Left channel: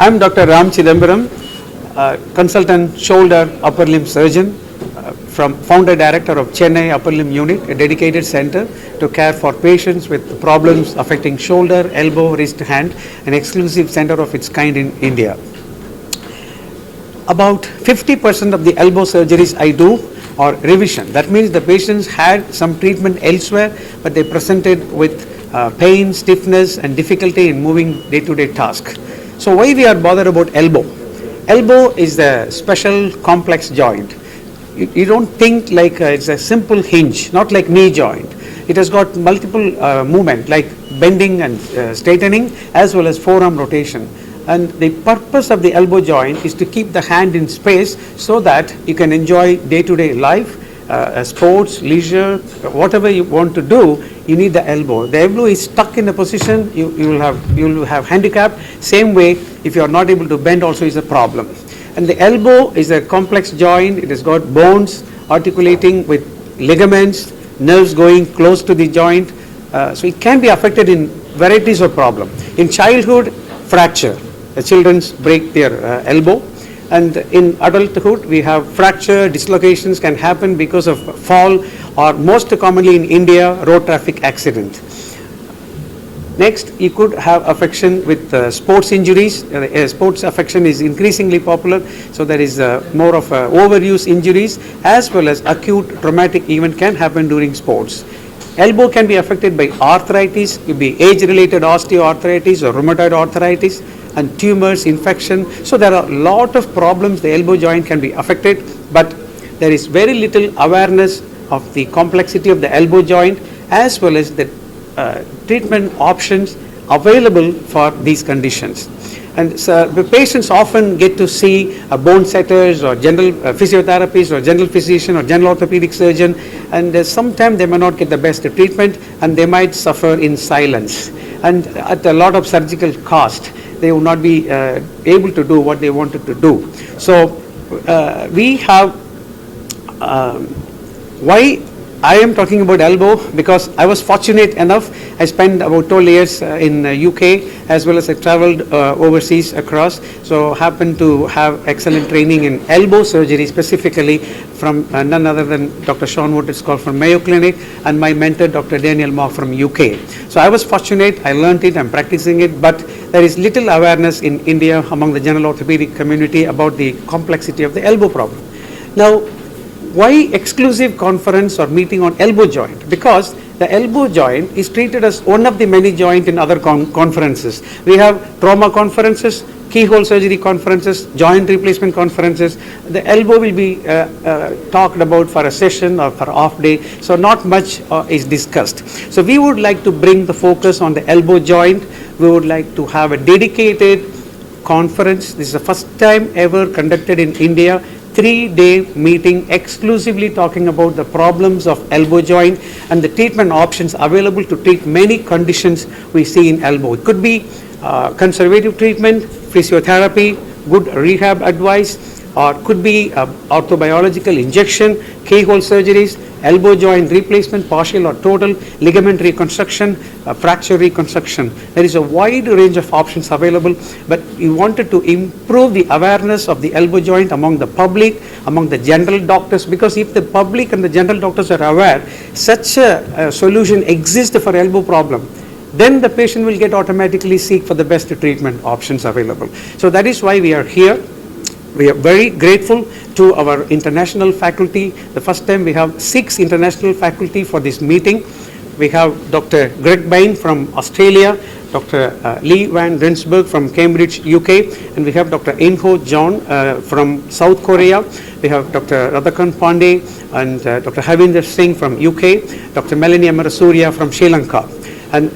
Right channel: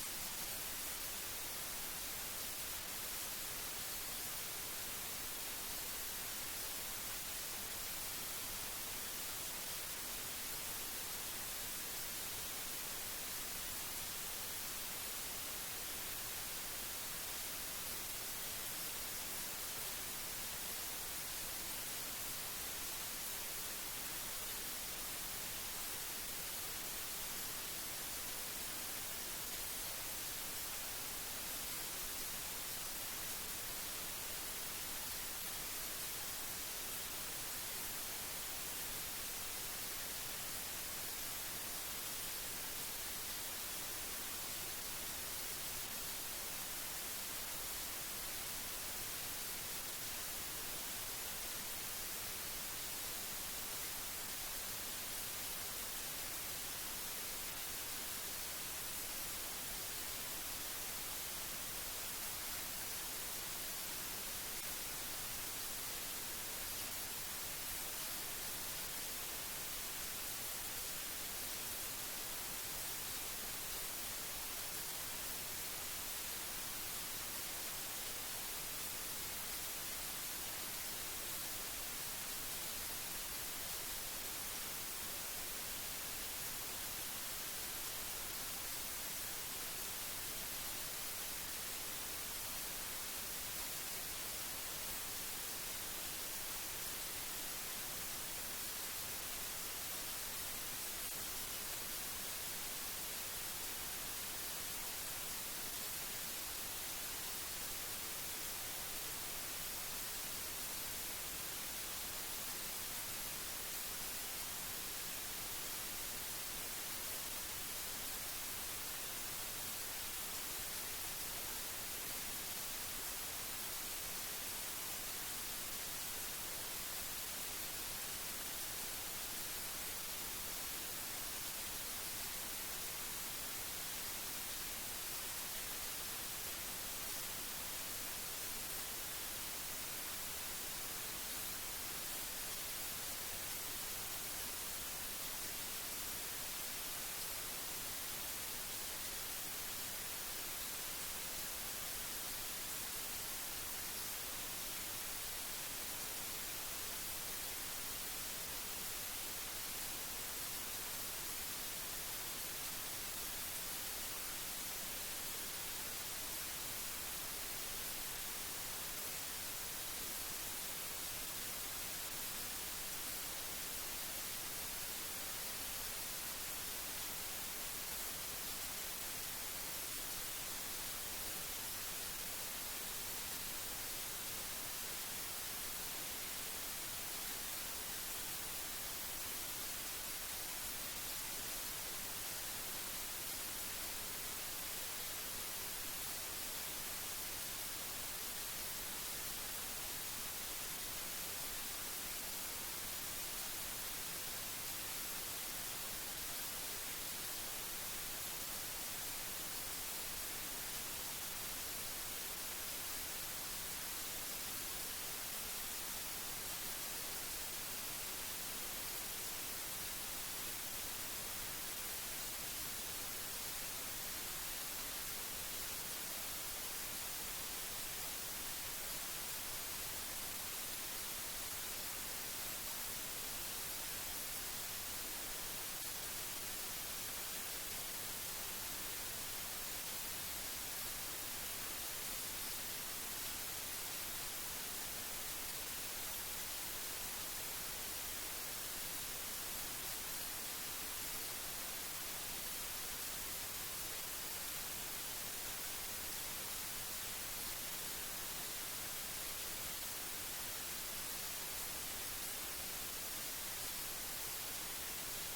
I'm Dr. Chidambaram, consultant shoulder upper limb surgeon from founder director of Chennai upper limb unit, a dedicated center to care for patients with problems affecting shoulder, elbow, wrist, hand, an exclusive center of its kind in India. About 50% of the elbow surgeries I do are revision. That means the patients had some treatment elsewhere, but they presented with pain, stiffness and difficulty in moving day-to-day tasks. So why we are bothered about elbow? Elbow is the special complex joint. You don't think like it's a simple hinge, not like knee joint. It has got multiple movement like bending and straightening as well as forearm rotation. And the purpose of the elbow joint is to keep the hand in space so that you can enjoy day-to-day life, sports, leisure, whatever you want to do, you need the elbow. The elbow is stuck in a position, you will have handicap. Same way, if you are not able to bend also is a problem. And the elbow is a complex joint. It has got bones articulating with ligaments, nerves going close to the joint. So it can be affected in varieties of problems. In childhood, fracture. The children break their elbow. And in adulthood, we have fracture, dislocations can happen because of fall or most commonly in India, road traffic accident. Next, you could have affection with sports injuries. Sports affection is increasingly popular, so there is more of overuse injuries as well as acute traumatic event can happen during sports. Elbow can be affected by arthritis, it could be age-related osteoarthritis or rheumatoid arthritis, and tumors, infection. So there are a lot of problems the elbow joint can be affected, but there is very little awareness of the complexity of the elbow joint as well as the treatment options available for these conditions. And so the patients often get to see bone setters or general physiotherapists or general physician or general orthopedic surgeon, and sometimes they may not get the best treatment and they might suffer in silence and at a lot of surgical cost. They will not be able to do what they wanted to do. So we have, why I am talking about elbow, because I was fortunate enough, I spent about 12 years in UK as well as I traveled overseas across, so happened to have excellent training in elbow surgery specifically from none other than Dr. Sean Wood from Mayo Clinic and my mentor Dr. Daniel Mock from UK. So I was fortunate, I learned it, I'm practicing it, but there is little awareness in India among the general orthopedic community about the complexity of the elbow problem. Now, why exclusive conference or meeting on elbow joint? Because the elbow joint is treated as one of the many joints in other conferences. We have trauma conferences, keyhole surgery conferences, joint replacement conferences. The elbow will be talked about for a session or for off day, so not much is discussed. So we would like to bring the focus on the elbow joint. We would like to have a dedicated conference. This is the first time ever conducted in India, 3-day meeting exclusively talking about the problems of elbow joint and the treatment options available to treat many conditions we see in elbow. It could be conservative treatment, physiotherapy, good rehab advice, or could be orthobiological injection, keyhole surgeries, elbow joint replacement, partial or total, ligament reconstruction, fracture reconstruction. There is a wide range of options available, but we wanted to improve the awareness of the elbow joint among the public, among the general doctors, because if the public and the general doctors are aware such a solution exists for elbow problem, then the patient will get automatically seek for the best treatment options available. So that is why we are here. We are very grateful to our international faculty. The first time we have 6 international faculty for this meeting. We have Dr. Greg Bain from Australia, Dr. Lee Van Rensburg from Cambridge, UK, and we have Dr. Inho John from South Korea. We have Dr. Radhakan Pandey and Dr. Havinder Singh from UK, Dr. Melanie Amarasuriya from Sri Lanka. And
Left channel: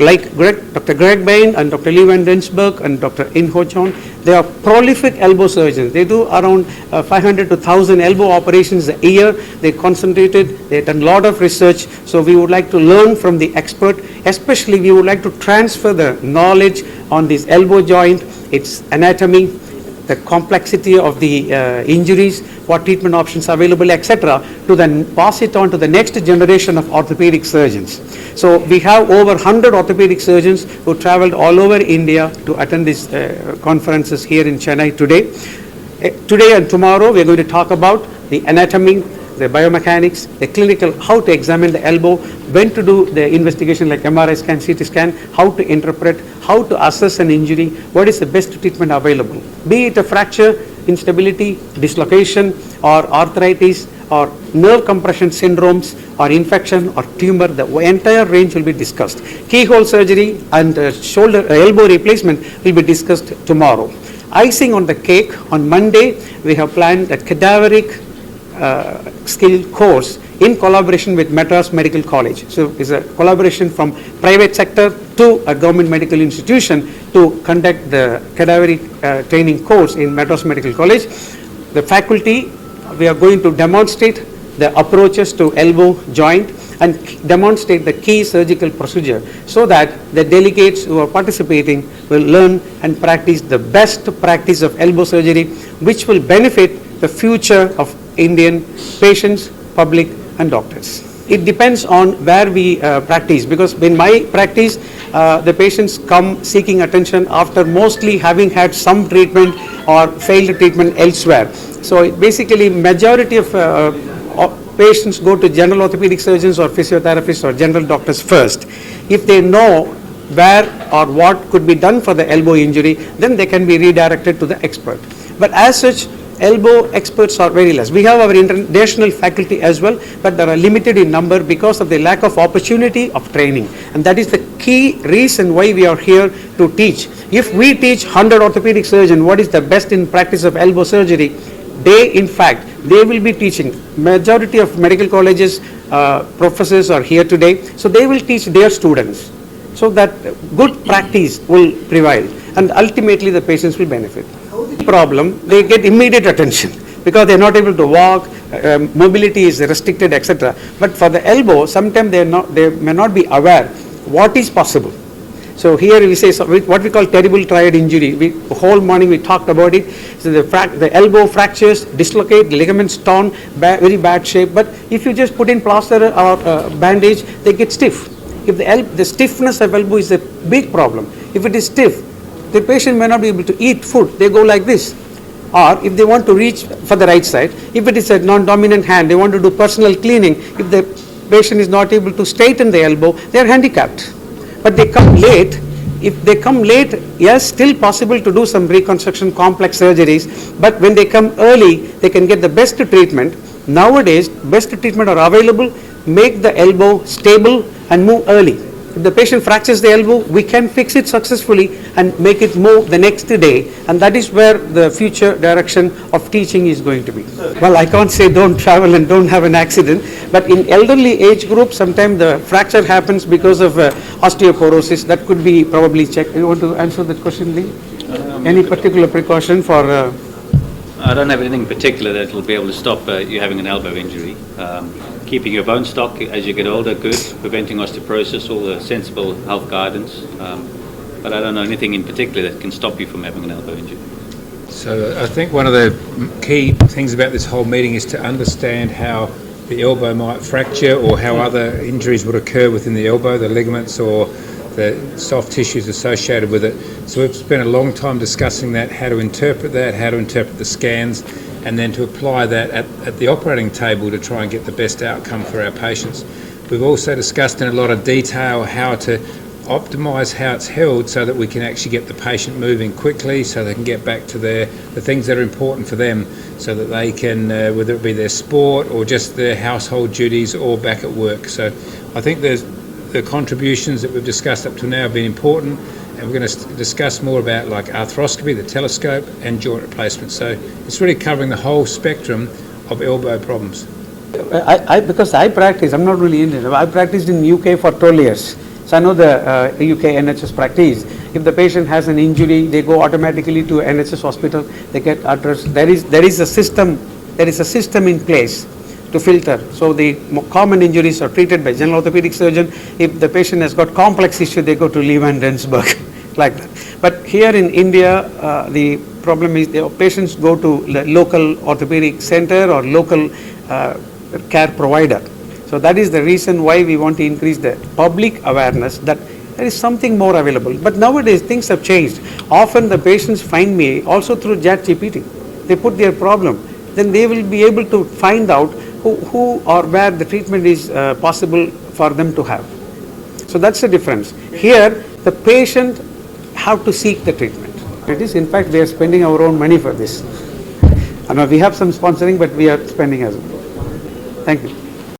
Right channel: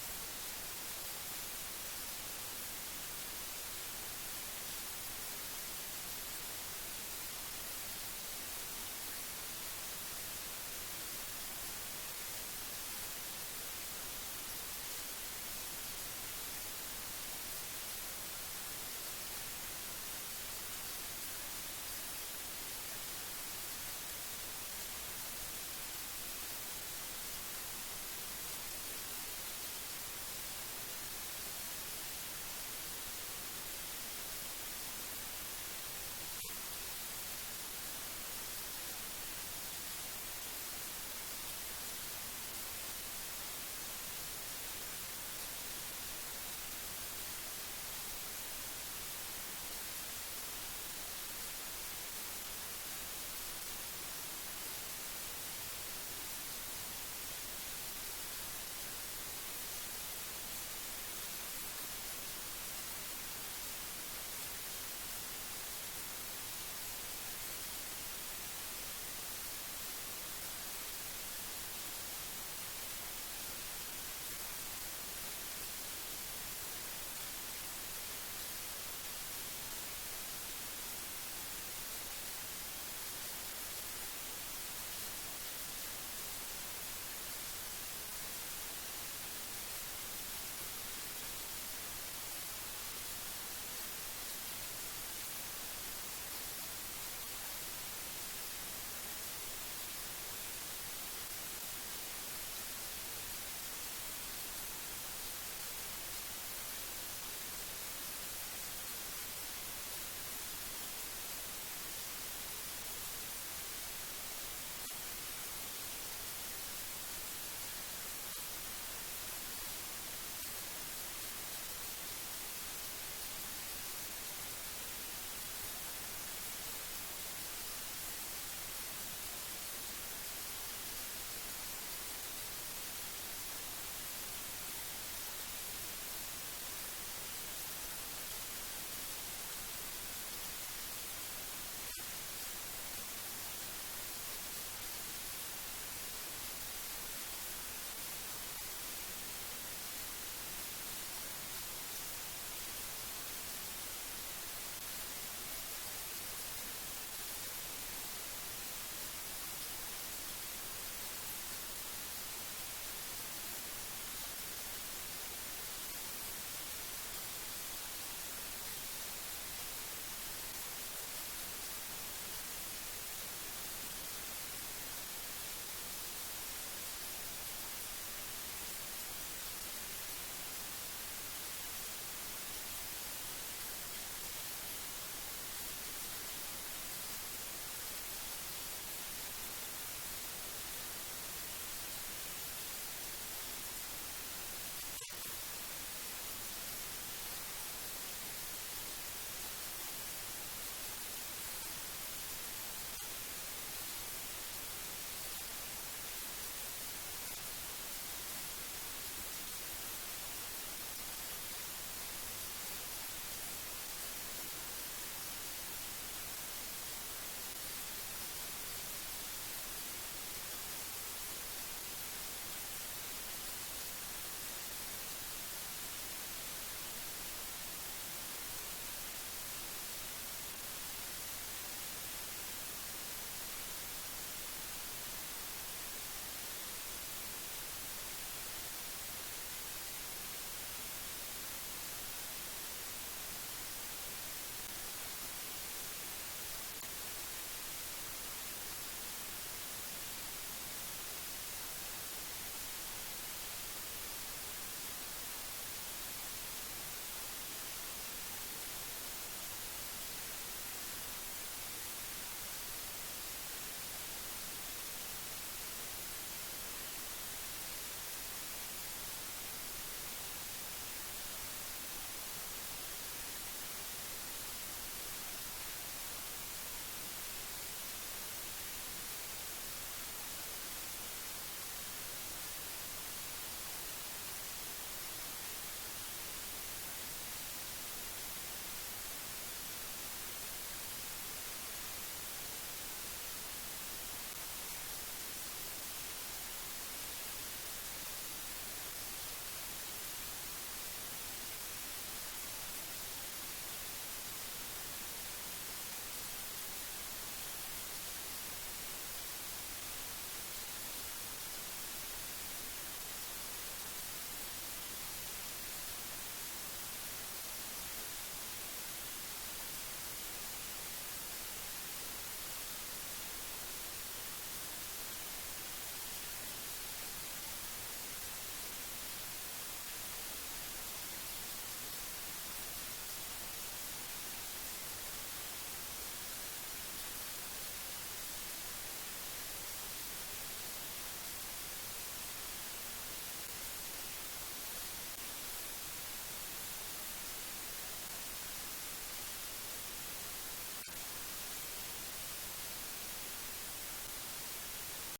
like Dr. Greg Bain and Dr. Lee Van Rensburg and Dr. Inho John, they are prolific elbow surgeons. They do around 500 to 1,000 elbow operations a year. They concentrated, they done a lot of research. So we would like to learn from the expert. Especially we would like to transfer the knowledge on this elbow joint, its anatomy, the complexity of the injuries, what treatment options are available, etc., to then pass it on to the next generation of orthopedic surgeons. So we have over 100 orthopedic surgeons who traveled all over India to attend these conferences here in Chennai today. Today and tomorrow we are going to talk about the anatomy, the biomechanics, the clinical, how to examine the elbow, when to do the investigation like MRI scan, CT scan, how to interpret, how to assess an injury, what is the best treatment available. Be it a fracture, instability, dislocation, or arthritis, or nerve compression syndromes, or infection, or tumor, the entire range will be discussed. Keyhole surgery and elbow replacement will be discussed tomorrow. Icing on the cake, on Monday, we have planned a cadaveric skill course in collaboration with Madras Medical College. So it's a collaboration from private sector to a government medical institution to conduct the cadaveric training course in Madras Medical College. The faculty, we are going to demonstrate the approaches to elbow joint and demonstrate the key surgical procedure so that the delegates who are participating will learn and practice the best practice of elbow surgery, which will benefit the future of Indian patients, public and doctors. It depends on where we practice, because in my practice the patients come seeking attention after mostly having had some treatment or failed treatment elsewhere. So basically majority of patients go to general orthopedic surgeons or physiotherapists or general doctors first. If they know where or what could be done for the elbow injury, then they can be redirected to the expert. But as such, elbow experts are very less. We have our international faculty as well, but they are limited in number because of the lack of opportunity of training. And that is the key reason why we are here to teach. If we teach 100 orthopedic surgeons what is the best in practice of elbow surgery, they will be teaching. Majority of medical colleges, professors are here today, so they will teach their students, so that good practice will prevail and ultimately the patients will benefit. Problem, they get immediate attention because they are not able to walk, mobility is restricted, etc. But for the elbow, sometimes they may not be aware what is possible. So here we say what we call terrible triad injury. The whole morning we talked about it. So the elbow fractures, dislocate, ligaments torn, very bad shape. But if you just put in plaster or bandage, they get stiff. If the stiffness of elbow is a big problem. If it is stiff, the patient may not be able to eat food. They go like this. Or if they want to reach for the right side, if it is a non-dominant hand, they want to do personal cleaning. If the patient is not able to straighten the elbow, they are handicapped. But they come late. If they come late, yes, still possible to do some reconstruction, complex surgeries. But when they come early, they can get the best treatment. Nowadays, best treatment are available. Make the elbow stable and move early. If the patient fractures the elbow, we can fix it successfully and make it move the next day. And that is where the future direction of teaching is going to be. Well, I can't say don't travel and don't have an accident. But in elderly age group, sometimes the fracture happens because of osteoporosis. That could be probably checked. You want to answer that question, Lee? Any particular precaution for... I don't have anything particular that will be able to stop you having an elbow injury. Keeping your bone stock as you get older, good. Preventing osteoporosis, all the sensible health guidance. But I don't know anything in particular that can stop you from having an elbow injury. So I think one of the key things about this whole meeting is to understand how the elbow might fracture or how other injuries would occur within the elbow, the ligaments or the soft tissues associated with it. So we've spent a long time discussing that, how to interpret the scans, and then to apply that at the operating table to try and get the best outcome for our patients. We've also discussed in a lot of detail how to optimise how it's held so that we can actually get the patient moving quickly so they can get back to the things that are important for them so that they can, whether it be their sport or just their household duties or back at work. So I think the contributions that we've discussed up to now have been important, and we're going to discuss more about like arthroscopy, the telescope and joint replacement. So it's really covering the whole spectrum of elbow problems. Because I practice, I'm not really Indian. I practiced in UK for 12 years. So I know the UK NHS practice. If the patient has an injury, they go automatically to NHS hospital, they get addressed. There is a system in place to filter. So the common injuries are treated by general orthopedic surgeon. If the patient has got complex issue, they go to Leeuwen, Rensburg, like that. But here in India, the problem is the patients go to the local orthopedic center or local care provider. So that is the reason why we want to increase the public awareness that there is something more available. But nowadays things have changed. Often the patients find me also through ChatGPT. They put their problem, then they will be able to find out who or where the treatment is possible for them to have. So that's the difference. Here the patient have to seek the treatment. It is, in fact, we are spending our own money for this. I know we have some sponsoring, but we are spending as well. Thank you.